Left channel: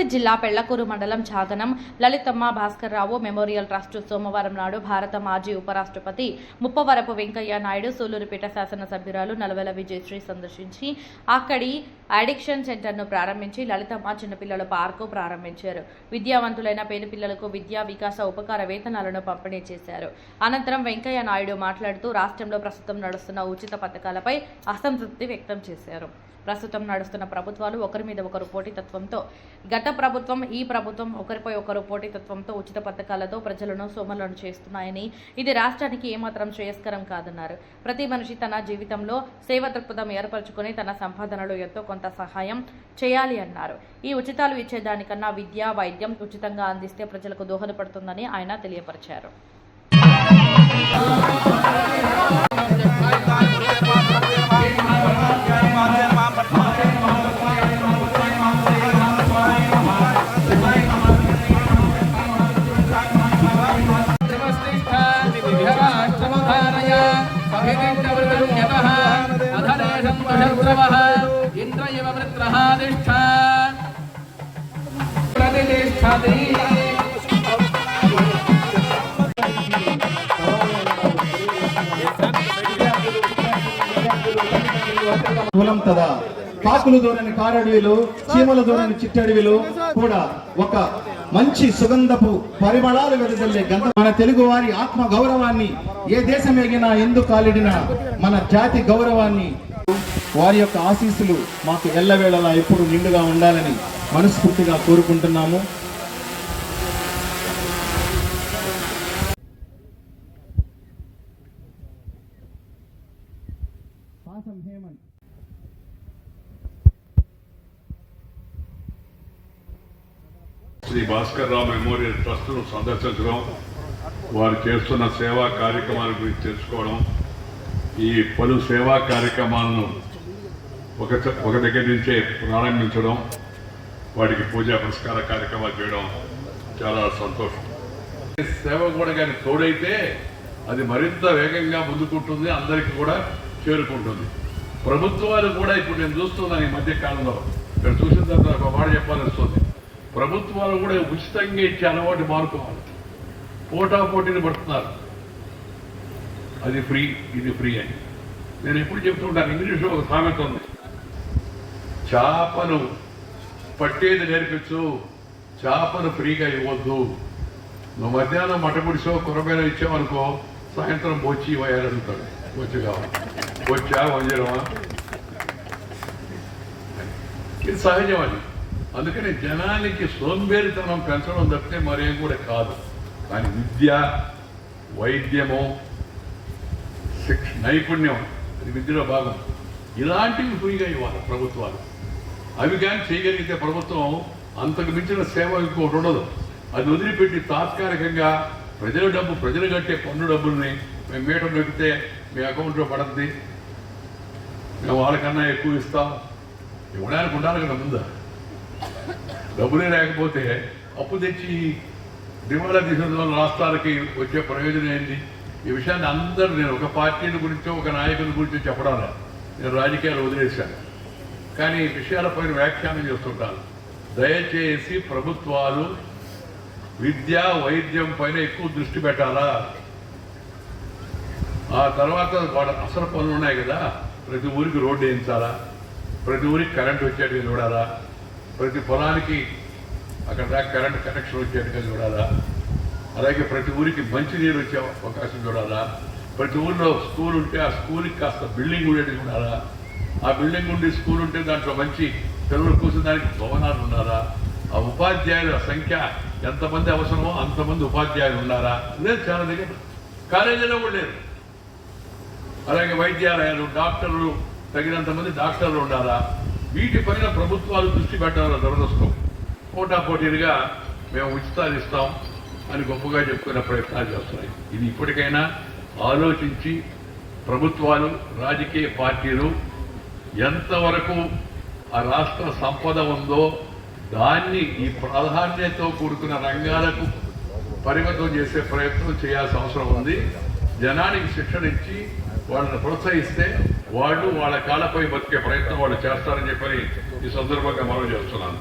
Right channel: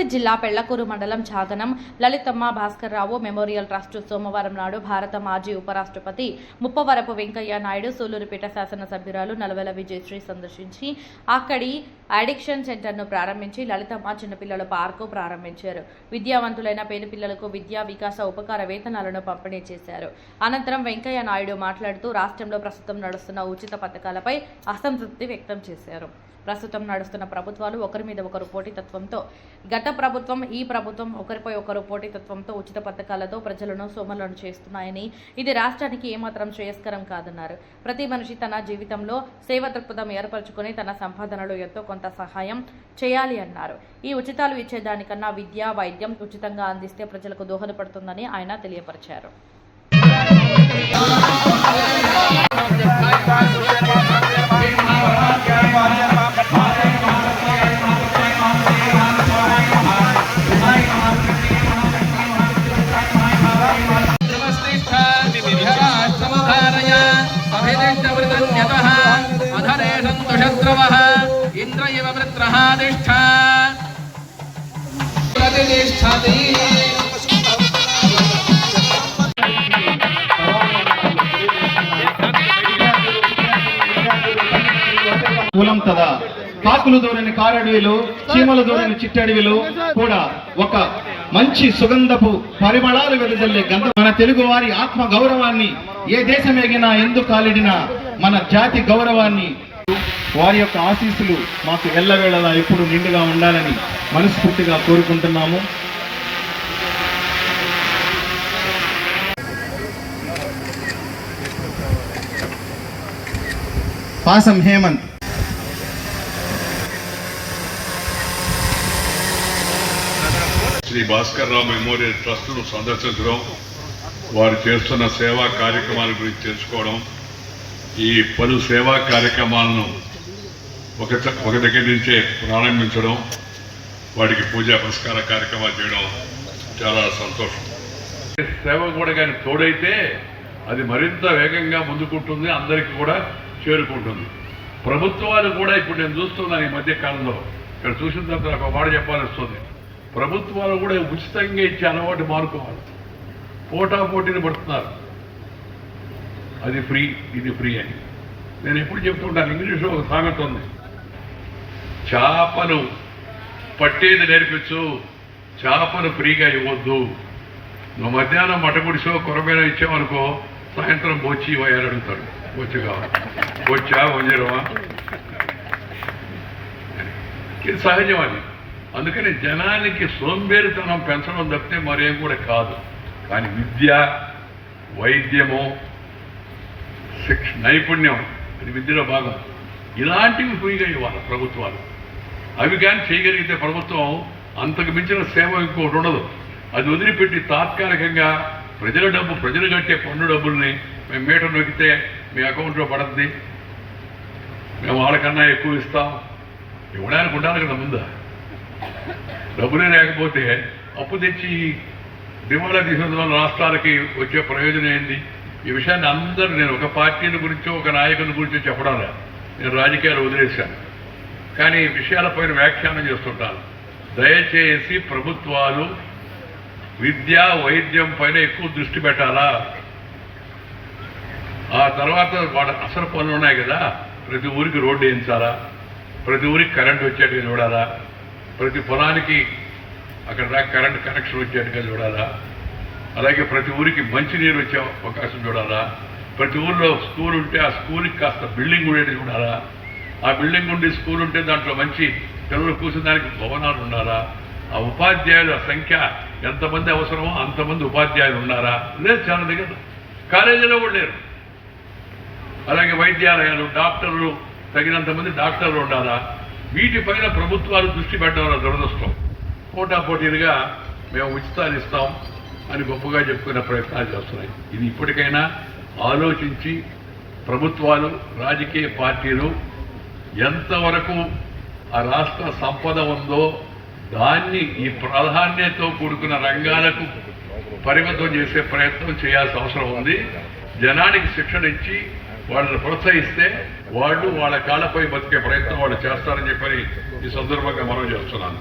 జిల్లా పెళ్ళకూరు మండలం Chadanam Lalithamma Bhaskar Rao memorial trust సోమవారం నాడు భారత మాజీ ఉపరాష్ట్రపతి ముప్పవరపు వెంకయ్య నాయుడు సూలూరుపేట శాసనసభ్యురాలు నలవెల విజయశ్రీ సందర్శించి అక్కడి అడిక్షన్ సెంటర్ను ప్రారంభించి లలితమ్మ చిన్నపిల్లల పార్కు ప్రారంభించారు. విద్యావంతులైన పేద పిల్లలకు విద్యా వికాస ఉపకార వేతనాలను పంపిణీ చేశారు. అనంతరం వెంకయ్య నాయుడు మాట్లాడుతూ రాష్ట్రంలో ప్రస్తుతం నడుస్తున్న ఉచిత పథకాలపై అసంతృప్తి వ్యక్తం చేశారు. ప్రస్తుతం నడుస్తున్న ప్రభుత్వాలు ఒకరి మీద ఒకరు పోటీతత్వంతో గత గత ప్రభుత్వం ఈ ప్రభుత్వం ఒకరిపై ఒకరు పోటీతత్వంతో ఉచిత పథకాలతో ప్రజలను సోమలను చేస్తున్నాయని ఇది రాష్ట్రానికి ఏమాత్రం శ్రేయస్కరం కాదన్నారు. ప్రతి మనిషి తన జీవితంలో సేవ దృక్పథం ఏర్పరచుకుని తన సంపాదనలో ఎంతో కొంత సహాయం చేయాలి అన్నారు. ఈ ఉచితాలు ఇచ్చేదానికన్నా విద్య వైద్యం ఉచితంగా అందిస్తే ప్రజలకు దోహదపడుతుందని ఆయన తెలియపరిచారు. అభిదిష్టమృతన్యతః అధరే సంతుషద్రవः ఇంద్ర ఇవ వృత్రः తిష్ఠ కులం తదా కాకులు దూరని కారడవిలు చీమలు దూరని చిట్టడవిలు కూడా ఒక మంచి సుగంధపు పరిమళాలు వెదజల్లే గంధ. మన తెలుగు వారి ఆత్మ గౌరవాన్ని ఏ దేశం ఎగినా ఎందుకు కాలిడినా మన జాతి గౌరవాన్ని వారి యొక్క ఆశీస్సులు మాకు ఎల్లవేళలా ఎప్పుడు నిండుగా ఉండాలని మనస్ఫూర్తిగా కోరుకుంటున్నాము. పాసం హేమంత్. శ్రీ భాస్కర్ రావు మెమోరియల్ ట్రస్ట్ను సందర్శించడం వారు చేస్తున్న సేవా కార్యక్రమాల గురించి తెలుసుకోవడం ఈ పలు సేవా కార్యక్రమాలను ఒక ఒక దగ్గర నుంచే ప్రారంభించడం వాటికి పూజా పురస్కార కార్యక్రమాలు చేయడం చాలా సంతోషం. సేవ కూడా కానీ తోడైతే అది మరింత వేగంగా ముందుకుంటుంది అందరికీ కూడా చేరుకుంటుంది. ప్రభుత్వాలు కూడా ఇప్పుడు నేను చూస్తున్నాను ఈ మధ్య కాలంలో. ఇక్కడ చూసిన తర్వాత ఒక వాడు మాట చెప్పాలనిస్తుంది ప్రభుత్వాలు కూడా ఉచితంగా ఇచ్చే అలవాటు మారుకోవాలి పోటా పోటీని పడుతున్నారు. అది ఫ్రీ ఇది ఫ్రీ అని. నేను ఎప్పుడు చెప్తుంటాను ఇంగ్లీష్లో ఒక సామెత ఉంది. చేపను పట్టేది నేర్పించు చేపను ఫ్రీగా ఇవ్వద్దు. నువ్వు మధ్యాహ్నం మటగుడిసో కొరమైన ఇచ్చావనుకో సాయంత్రం బొచ్చి ఇవ్వని అడుగుతాడు. బొచ్చు కావాలి. బొచ్చా వంజరమా? ఇది సహజం అది. అందుకని జనానికి సోంబేరితనం పెంచడం తప్పితే మరేం కూడా కాదు. కానీ విద్య వైద్యము శిక్ష నైపుణ్యం అది విద్యలో భాగం. ఇలాంటివి ఫ్రీగా ఇవ్వాలి ప్రభుత్వాలు. అవి కానీ చేయగలిగితే ప్రభుత్వం అంతకు మించిన సేవ ఇంకోటి ఉండదు. అది వదిలిపెట్టి తాత్కాలికంగా ప్రజల డబ్బు ప్రజలు కట్టే పన్ను డబ్బుల్ని మేము మీటర్ నొక్కితే మీ అకౌంట్లో పడుతుంది మేము వాళ్ళకన్నా ఎక్కువ ఇస్తాం. ఇవ్వడానికి ఉండాలి కదా ముందా. డబ్బులే లేకపోతే అప్పు తెచ్చి దివాలా తీసిన రాష్ట్రాలకి వచ్చే ప్రయోజనం ఏంటి ఈ విషయాన్ని అందరూ నేను ఒక పార్టీని గురించో ఒక నాయకుని గురించో చెప్పడం నేను రాజకీయాలు వదిలేశాను కానీ ఈ విషయాలపైన వ్యాఖ్యానం చేస్తుంటాను. దయచేసి ప్రభుత్వాలు విద్య వైద్యం పైన ఎక్కువ దృష్టి పెట్టాలా? ఆ తర్వాత వాళ్ళ అసలు పనులు ఉన్నాయి కదా? ప్రతి ఊరికి రోడ్డు వేయించాలా? ప్రతి ఊరికి కరెంట్ వచ్చేట్టుగా చూడాలా? ప్రతి పొలానికి అక్కడ దాకా కరెంట్ కనెక్షన్ వచ్చేట్టుగా చూడాలా? అలాగే ప్రతి ఊరికి మంచినీరు వచ్చే అవకాశం చూడాలా? ప్రతి ఊర్లో స్కూల్ ఉంటే ఆ స్కూల్కి కాస్త బిల్డింగ్ ఉండేది చూడాలా? ఆ బిల్డింగ్ ఉండి స్కూల్ ఉంటే దాంట్లో మంచి పిల్లలు కూర్చున్నానికి భవనాలు ఉన్నారా ఆ ఉపాధ్యాయుల సంఖ్య ఎంతమంది అవసరమో అంతమంది ఉపాధ్యాయులు ఉన్నారా? లేదు చాలా దగ్గర. కాలేజీలో కూడా లేరు. అలాగే వైద్యాలయాలు డాక్టర్లు తగినంత మంది డాక్టర్లు ఉండాలా? వీటిపైన ప్రభుత్వాలు దృష్టి పెట్టడం దురదృష్టం. పోటాపోటీలుగా మేము ఉచితాలు ఇస్తాం అని గొప్పగా చెప్పుకునే ప్రయత్నాలు చేస్తున్నాయి. ఇది ఇప్పటికైనా ఆలోచించి ప్రభుత్వాలు రాజకీయ పార్టీలు ఎంతవరకు ఆ రాష్ట్ర సంపద ఉందో దాన్ని ఈ ప్రాధాన్యతతో కూడుకున్న రంగాలకు పరిమితం చేసే ప్రయత్నం చేయాల్సిన అవసరం ఉంది. జనానికి శిక్షణ ఇచ్చి వాళ్ళని ప్రోత్సహిస్తే వాళ్ళు వాళ్ళ కాళ్ళపై బతికే ప్రయత్నం వాళ్ళు చేస్తారని చెప్పని ఈ సందర్భంగా మనం చేస్తున్నాను